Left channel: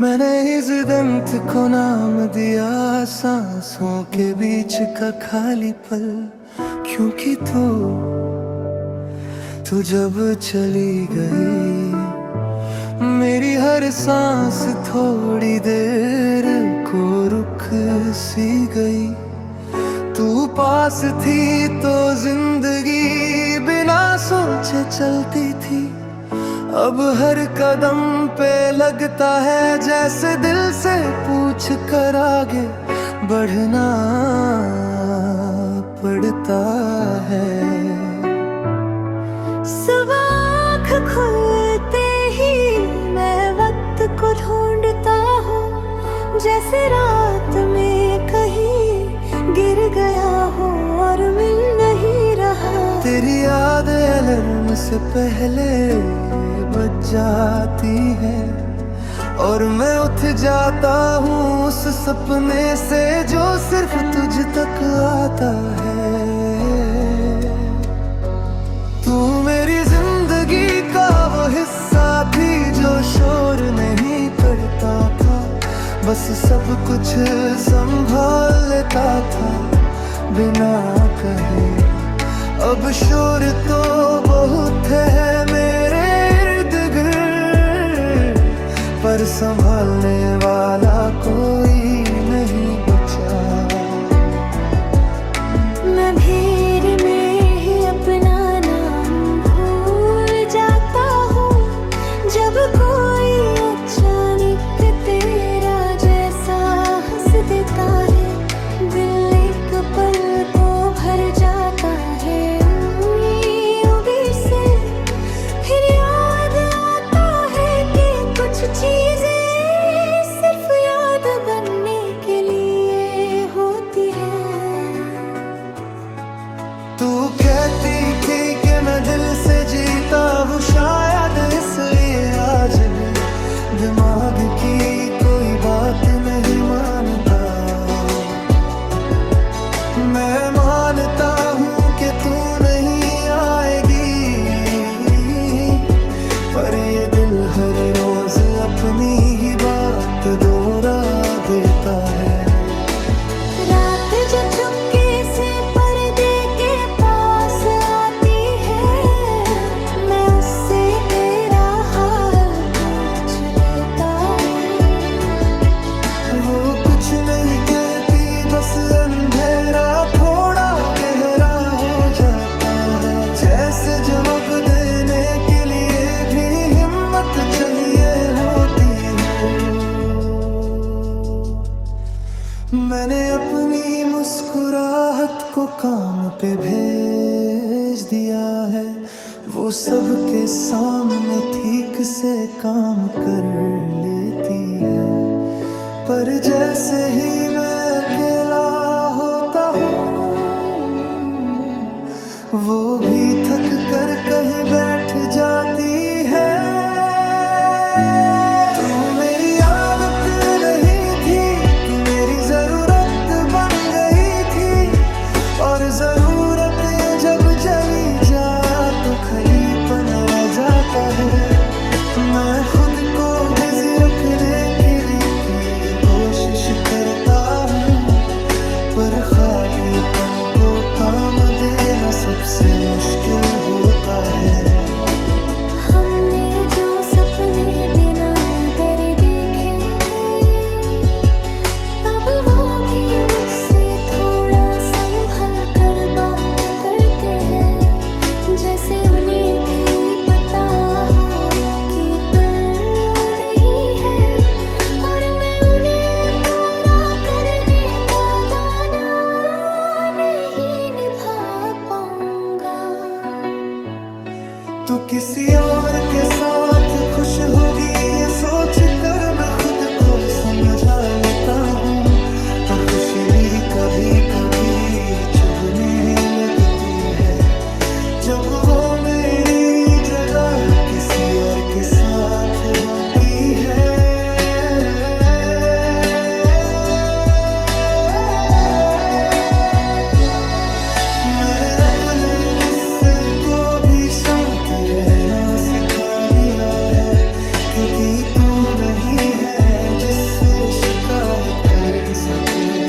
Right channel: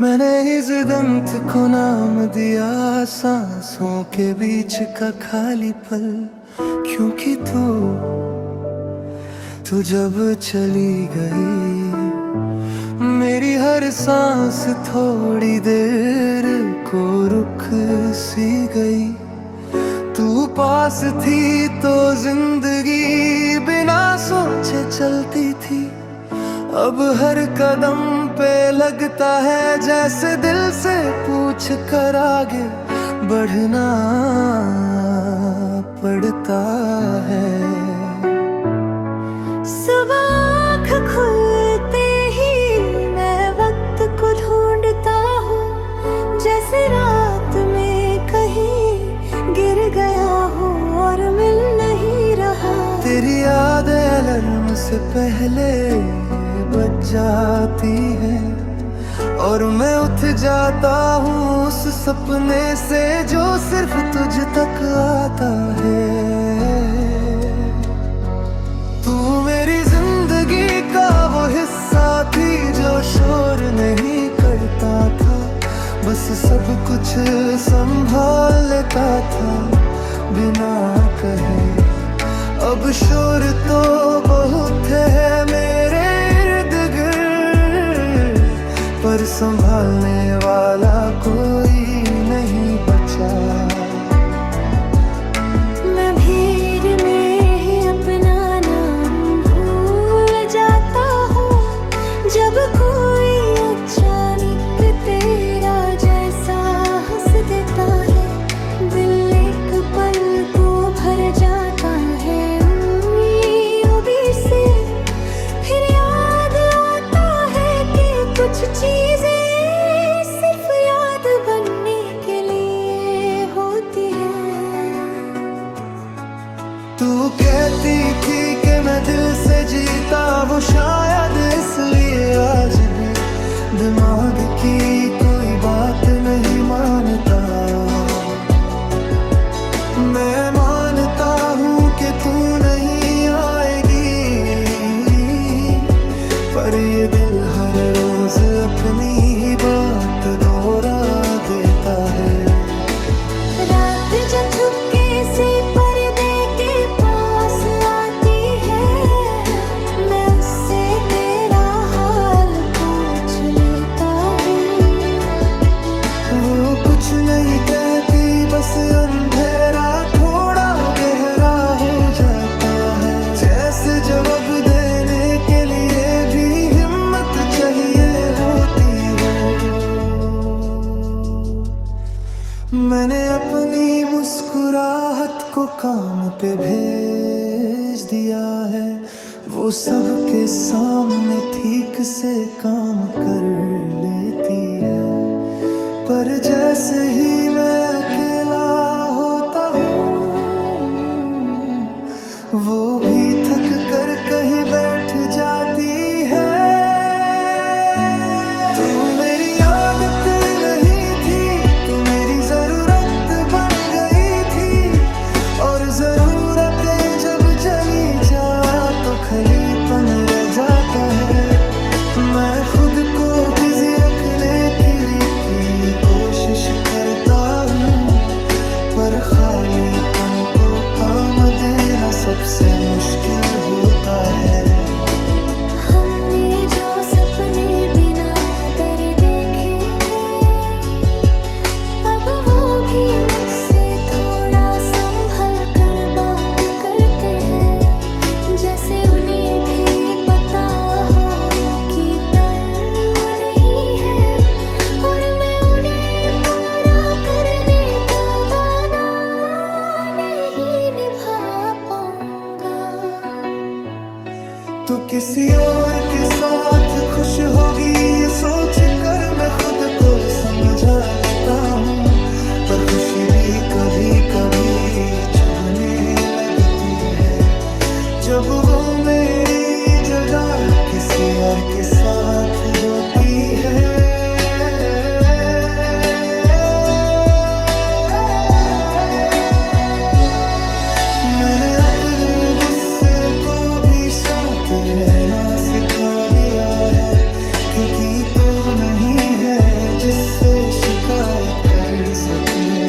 मैंने इस दंत को नाम दिया सांसों के बीच का खाली पल, क्योंकि तू जब चली गई मेरी हर सांस थोड़ी देर को रुक सी गई। तू पास थी तो जिंदगी बिना सोचे चलती थी, अब हर कदम पे लगता है जैसे दिल से पूछ कर आगे बढ़ना पड़ता है। सुबह आँख खुलते ही मैं वक्त को ढूंढता हूँ, जैसे रात में कहीं गिर गया हूँ और मिल नहीं रहा। तेरी याद अलार्म से पहले बज जाती है और मैं उठ जाता हूँ उस सपने से जो सिर्फ तुझ तक आता है। तू मेरी जिंदगी का वो हिस्सा थी जो शोर नहीं करता था, बस सब कुछ संभाल लेता था बिना कहे। अब शोर तो बहुत है मेरे इर्द गिर्द, पर संभालने वाला कोई नहीं बचा। मैं भीड़ में ही अपना नाम भूल जाता हूँ, जब कोई अचानक तेरा जैसा हंस देता है, दिल एक पल को भर जाता है उम्मीदों से। फिर याद आता है कि कुछ चीजें सिर्फ याद बनने के लिए होती हैं। तू कहती थी कि मैं दिल से जीता हूँ, शायद इसलिए आज भी दिमाग की कोई बात नहीं मानता। मैं मानता हूँ कि तू नहीं आएगी, पर ये दिल हर रोज अपनी ही बात दोहरा देता है। रात जब चुपके से पर्दे के पास आती है, मैं उससे तेरा हाल पूछ लेता हूँ। वो कुछ नहीं कहती, बस अंधेरा थोड़ा गहरा हो जाता है, जैसे जवाब देने के लिए भी हिम्मत चाहिए होती हो। मैंने अपनी मुस्कुराहट को काम पे भेज दिया है, वो सबके सामने ठीक से काम कर लेती है, पर जैसे ही मैं अकेला होता हूँ वो भी थक कर कहीं बैठ जाती है। तू मेरी आदत नहीं थी, तू मेरी जरूरत बन गई थी, और जरूरतें जब जली जा तो खलीपन रह जाता है। मैं खुद को बिजी रखने के लिए की कोशिश करता हूँ, पर खालीपन को काम देना सबसे मुश्किल होता है। हमने जो सपने बिना डरे देखे हैं, अब वो भी मुझसे थोड़ा संभल कर बात करते हैं, जैसे उन्हें भी पता हो कि दर्द नहीं है और मैं उन्हें पूरा करने का गाना नहीं निभा पाऊंगा। तू किसी और के साथ खुश होगी ये सोच कर मैं खुद को समझा लेता हूँ, पर खुशी भी कभी कभी चुभने लगती है, जब वो मेरी जगह किसी और के साथ होती है। मैंने अपने गुस्से को भी शांत रहना सिखा दिया है, क्योंकि तू नहीं है जिससे शिकायत कर सकूं।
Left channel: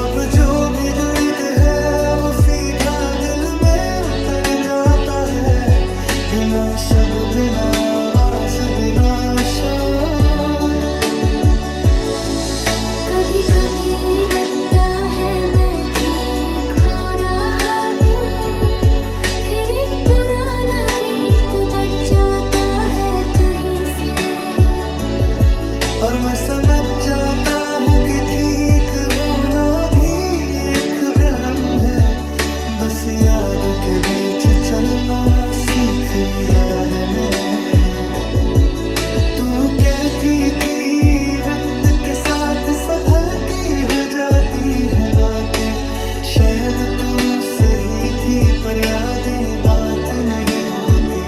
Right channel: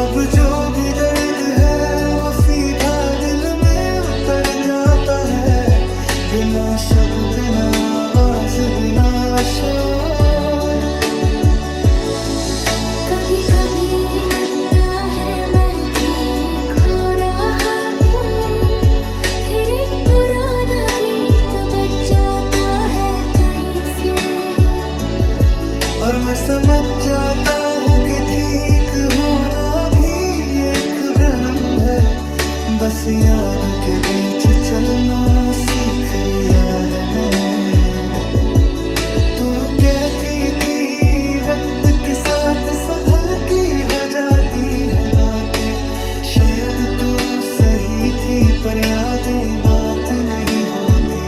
अब जो भी दर्द है वो सीधा दिल में उतर जाता है, बिना शब्द, बिना आवाज, बिना शोर। कभी कभी लगता है मैं ठीक हो रहा हूँ, फिर एक पुराना गीत बज जाता है कहीं से, और मैं समझ जाता हूँ कि ठीक होना भी एक भ्रम है। बस यादों के बीच चलना सीख लिया है मैंने। तू कहती थी वक्त के साथ सब हल्की हो जाती है बातें, शायद तू सही थी पर यादें बात नहीं होती।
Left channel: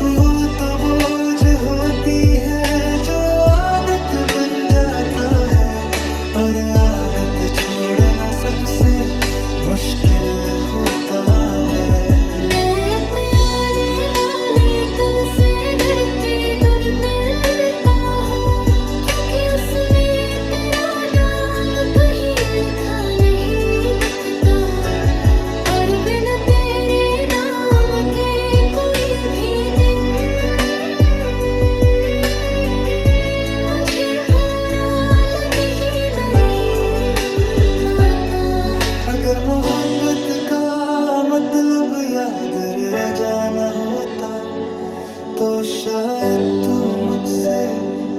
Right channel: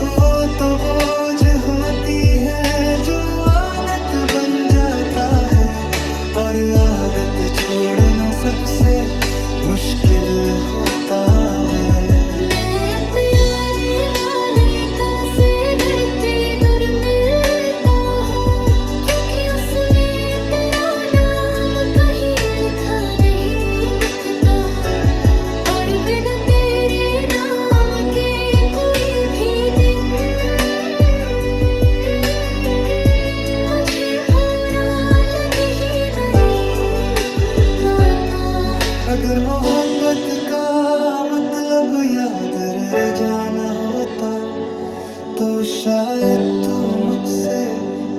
वो तो बोझ होती है जो आदत बन जाता है, और आदत छोड़ना सबसे मुश्किल होता है। मैं अपने आने वाले कल से डरते दूर मिलता हूँ, क्योंकि उसमें तेरा नाम कहीं लिखा नहीं दिखता, और बिना तेरे नाम के कोई भी दिन मुझे बुरा लगे ही नहीं पाता। अगर मोहब्बत का मतलब याद रह जाना होता, तो शायद तू मुझसे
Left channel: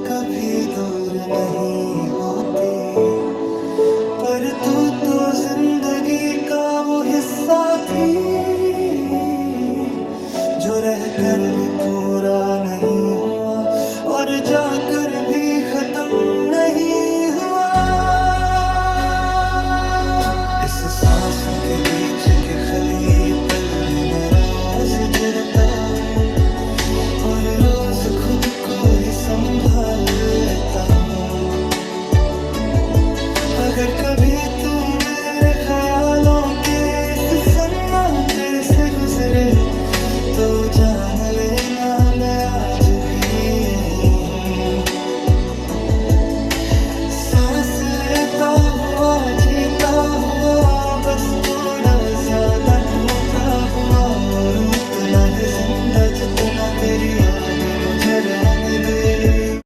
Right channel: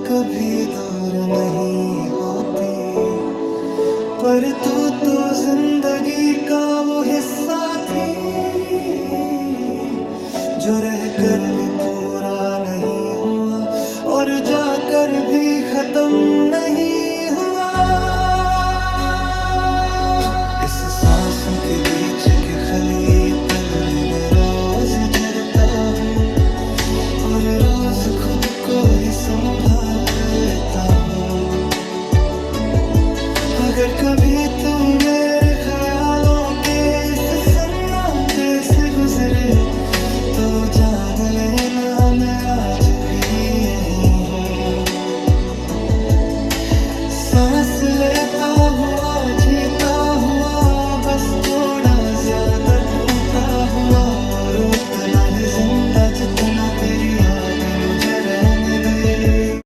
कभी दूर नहीं होती। पर तू तो जिंदगी का वो हिस्सा थी जो रहकर भी पूरा नहीं हुआ, और जाकर भी खत्म नहीं हुआ। इस सांसों के बीच के खली पल में मैं रोज गिरता हूँ, और रोज खुद को ही संभाल लेता हूँ। अगर कभी तू मेरे ख्यालों के इस सन्नाटे से गुजरे, तो जान लेना मैं आज भी यही हूँ। सांस लेता हुआ, जीता हुआ, बस थोड़ा ज्यादा टूटा हुआ, और उतना ही जिंदा जितना तेरी यादें मुझे रहने दे।